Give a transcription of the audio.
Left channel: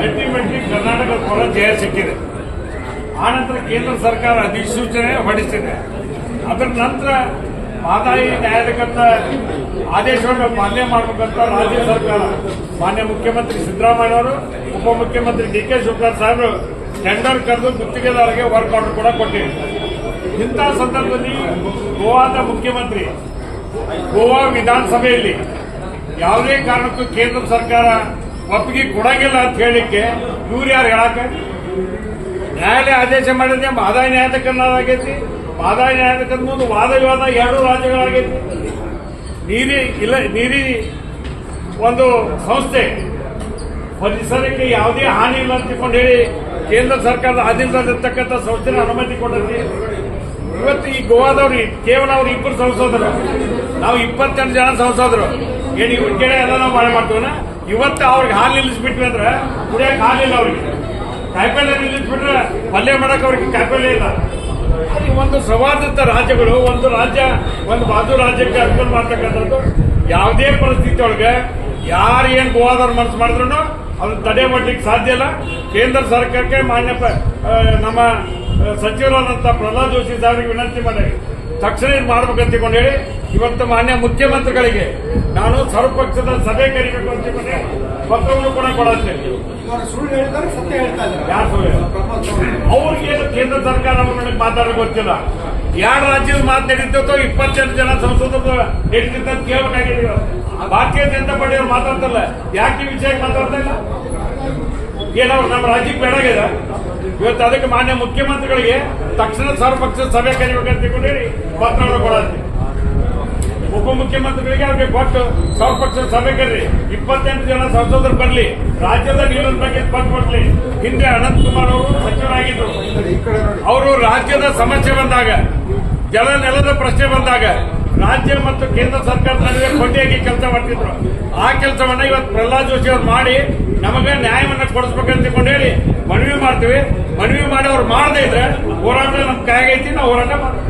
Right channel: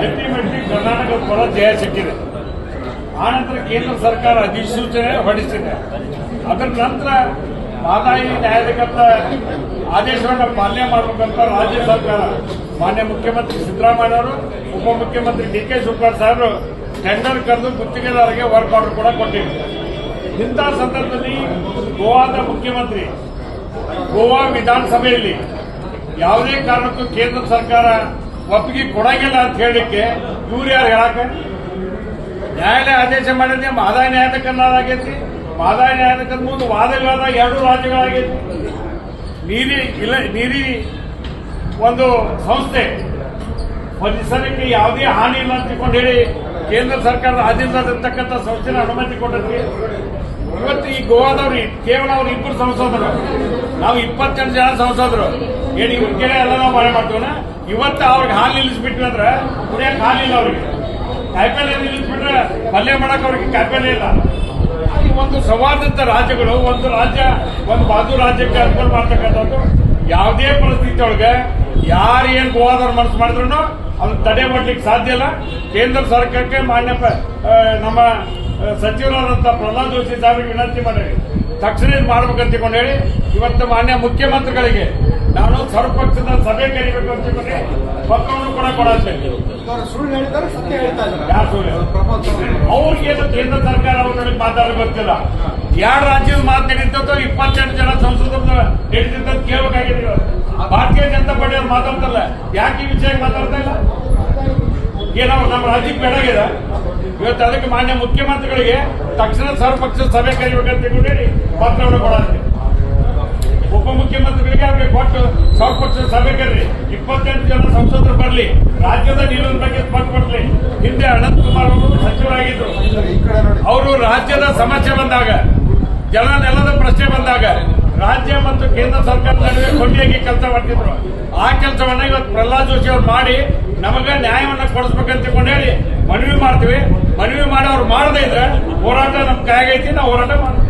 Ultimately ಕರ್ನಾಟಕದ ಪರ ಜಯ ಸಿಕ್ಕಿದೆ. ಆನಂತರ ಕೇಂದ್ರ ಸರ್ಕಾರ ಅಧಿಸೂಚನೆ ಹೊರಡಿಸಿದೆ. ಅದರ ನಂತರ ಮಹದಾಯಿ ನ್ಯಾಯಾಲಯದ ಆದೇಶವನ್ನು ಪಾಲನೆ ಮಾಡಬೇಕಂತ ರಾಜ್ಯ ಸರ್ಕಾರ ಮಾನ್ಯ ಮುಖ್ಯಮಂತ್ರಿ ಸಿದ್ದರಾಮಯ್ಯ ಅವರು, ಉಪಮುಖ್ಯಮಂತ್ರಿ ಡಿ.ಕೆ. ಶಿವಕುಮಾರ್ ಸಾಹೇಬರು ಟೆಂಡರ್ ಕರೆದು ಗುತ್ತಿಗೆದಾರರಿಗೆ ವರ್ಕ್ ಆರ್ಡರ್ ಕೂಡ ಕೊಟ್ಟಿದ್ದಾರೆ. ಇಂತಹ ಸಂದರ್ಭದಲ್ಲಿ ಗೋವಾದ ಮುಖ್ಯಮಂತ್ರಿ ಗೋವಾ ವಿಧಾನಸಭೆಯಲ್ಲಿ ಯಾವುದೇ ಕಾರಣಕ್ಕೂ ಕೇಂದ್ರ ಸರ್ಕಾರ ಒಪ್ಪಿಗೆ ಕೊಡಂಗಿಲ್ಲ ಅಂತ ಹೇಳಲಿಕ್ಕೆ ಇವ್ರು ಯಾರು ಹೇಳಕ? ನ್ಯಾಯಾಲಯ ಆದೇಶ ಮಾಡಿದೆ, ಮಹದಾಯಿ ನ್ಯಾಯಾಲಯಕ್ಕನ್ನಾಗೈತಿ. ಮಹದಾಯಿ ನ್ಯಾಯಾಲಯದ ಮುಂದೆ ವಾದ ವಿವಾದ ಎರಡು ರಾಜ್ಯಗಳಾಗೈತಿ. ನೀರಿ ಒಂದು ಸಂಸ್ಥೆ ಪರಿಸರಕ್ಕೆ ಯಾವುದೇ ಹಾನಿ ಇಲ್ಲ ಅಂತ ಹೇಳಿ ಕೇಂದ್ರ ಸರ್ಕಾರದ ಆಧೀನದಲ್ಲಿರ್ತಕ್ಕಂಥ ಸಂಸ್ಥೆನ ಅನುಮತಿ ಕೊಟ್ಟೈತಿ. ಇವತ್ತು ಈ ಗೋವಾದವ್ರು ಕೇವಲ ಅವ್ರು ಇಬ್ಬರು ಸಂಸದರು, ನಾವು 28 ಜನ ಸಂಸದರು. ಏನು ಇವ್ರ ಕೆಲ ಎಲ್ಲ ನಾವು ಮಳೆ ಮಾಡ್ತೀವನ? ಇವತ್ತು ಅವ್ರಿಗೆ ಹಾಲು ನಿಲ್ಲಿಸ್ಬಿಟ್ವಿ ಅಂದ್ರೆ ಕುಡಿಯಕ್ಕೆ ಹಾಲಿಲ್ಲ, ಅವ್ರಿಗೆ ಕಾಯಿಪಲ್ಯ ನಿಲ್ಲಿಸ್ಬಿಟ್ರೆ ಪಲ್ಯ ಮಾಡಕ್ಕೆ ಅವ್ರಿಗೆ ಕಾಯಿಪಲ್ಯ ಇಲ್ಲ. ಅಲ್ಲಿ ಒಂದು ಸೌಹಾರ್ದತ ರಾಜ್ಯಗಳು, ಒಂದು ರಾಜ್ಯ ಒಂದು ಬಾಜು ರಾಜ್ಯಕ್ಕೆ ಅನುಕೂಲ ಮಾಡ್ತಕ್ಕಂಥದ್ದು. ಯಾವುದೇ ಪರಿಸ್ಥಿತಿ ಒಳಗೆ ಯಾರು ಏನು ಗೋವಾದವ್ರು ಮನಸ್ಸು ಮಾಡಿದ್ರು ಅದನ್ನ ತಡೆ ಮಾಡಲಿಕ್ಕೆ ಸಾಧ್ಯ ಇಲ್ಲ. ಕೇಂದ್ರ ಸರ್ಕಾರಕ್ಕೆ ಮಾನ್ಯ ನಮ್ಮ ಸಚಿವರಾದಂಥ ಪ್ರಹ್ಲಾದ್ ಜೋಶಿ ಸಾಹೇಬರಿಗೆ ವಿನಂತಿ ಮಾಡಿ ತಕ್ಷಣ ಇದು ಮಾಡ್ಬೇಕಂತ ಹೇಳಿ ಇವತ್ತು ಮಾನ್ಯ ಮುಖ್ಯಮಂತ್ರಿಗಳಿಗೆ ನಾನು ಸರ್ವಪಕ್ಷದ ಸಭೆ ಕರಿಬೇಕು ಅಂತ ಪತ್ರವನ್ನು ಕೂಡ ಕೊಡುತ್ತೇನೆ. ಯಾರು ಸುಳ್ಳು? ಅವ್ರಿಗೆ ಕೇಂದ್ರ ಸರ್ಕಾರ ಮಾತಾಡೋಕೆ ಗೊತ್ತಿಲ್ಲ. ಎರಡು ರಾಜ್ಯದ ಮಾತು ನಡೀತಿತ್ತು, 28 ಜನ ಸಂಸದರು ನಡೀತಿದ್ದ ಕೇಳಬೇಕಾಗಿದೆ. ಭಾರತೀಯ ಜನತಾ ಪಾರ್ಟಿ ಅವ್ರು ಮಾತಾಡ್ತಲ್ಲ, ಯಾಕೆ ಈ ವಿಷಯಕ್ಕೆ ಮಾತಾಡ್ತಾ ಇಲ್ಲ? ಏನವ್ರು ನಮ್ಮ ರಾಜ್ಯಕ್ಕೆ ಬೇಡಾಗಿದೆ? ಇವತ್ತು ಅದಕ್ಕೆ ಮಾನ್ಯ ಮುಖ್ಯಮಂತ್ರಿಗಳಿಗೆ ತಕ್ಷಣ ಸರ್ವಪಕ್ಷದ ಸಭೆ ಕರಿಬೇಕಂತ ಹೇಳಿ ಪತ್ರವನ್ನು ಕೊಡುತ್ತೆ. ಉಪಮುಖ್ಯಮಂತ್ರಿಗಳಿಗೆ ಅವ್ರಿಗೆ ಕೊಟ್ಟು ಸರ್ವಪಕ್ಷದ ಸಭೆ ಕರೀರಿ, 28 ಜನ ಸಂಸದರು ಬರಲಿ, ರಾಜ್ಯದ ನಿಲ್ಲದ ಬಗ್ಗೆ ಪತ್ರ ಕೊಡ್ಲಿ. ಹಿಂದೆ ಅನಂತಕುಮಾರ್ ಅವರು ಸಚಿವರಾಗಿದ್ರು. ಅವರು ರಾಜ್ಯದ ಸಮಸ್ಯೆ ಬಂದಾಗ, ಜಲ ನೆಲದ ಪ್ರಶ್ನೆ ಬಂದಾಗ ರಾಜ್ಯ ಮತ್ತು ಕೇಂದ್ರ ಸರ್ಕಾರದ ನಡುವೆ ಕೊಂಡಿಯಾಗಿ ಕೆಲಸ ಮಾಡ್ತಿದ್ರು. ಆ ಕೆಲಸವನ್ನ ಇವತ್ತು ಪ್ರಹ್ಲಾದ್ ಜೋಶಿ ಅವ್ರು ಮಾಡಿ ನಮಗೆ ನ್ಯಾಯವನ್ನ ಕೊಡಿಸ್ಬೇಕಂತ ಹೇಳಿ ಮನವಿ ಮಾಡ್ತೀವಿ. ಮನವಿ ಮಾಡಿ ಅವ್ರು ಮಾಡದೇ ಇದ್ರೆ ಹೋರಾಟ ನಮ್ ಕೈಯಾಗೈತಿ, ನಾವು ಹೋರಾಟ ಮಾಡ್ತೀವಿ.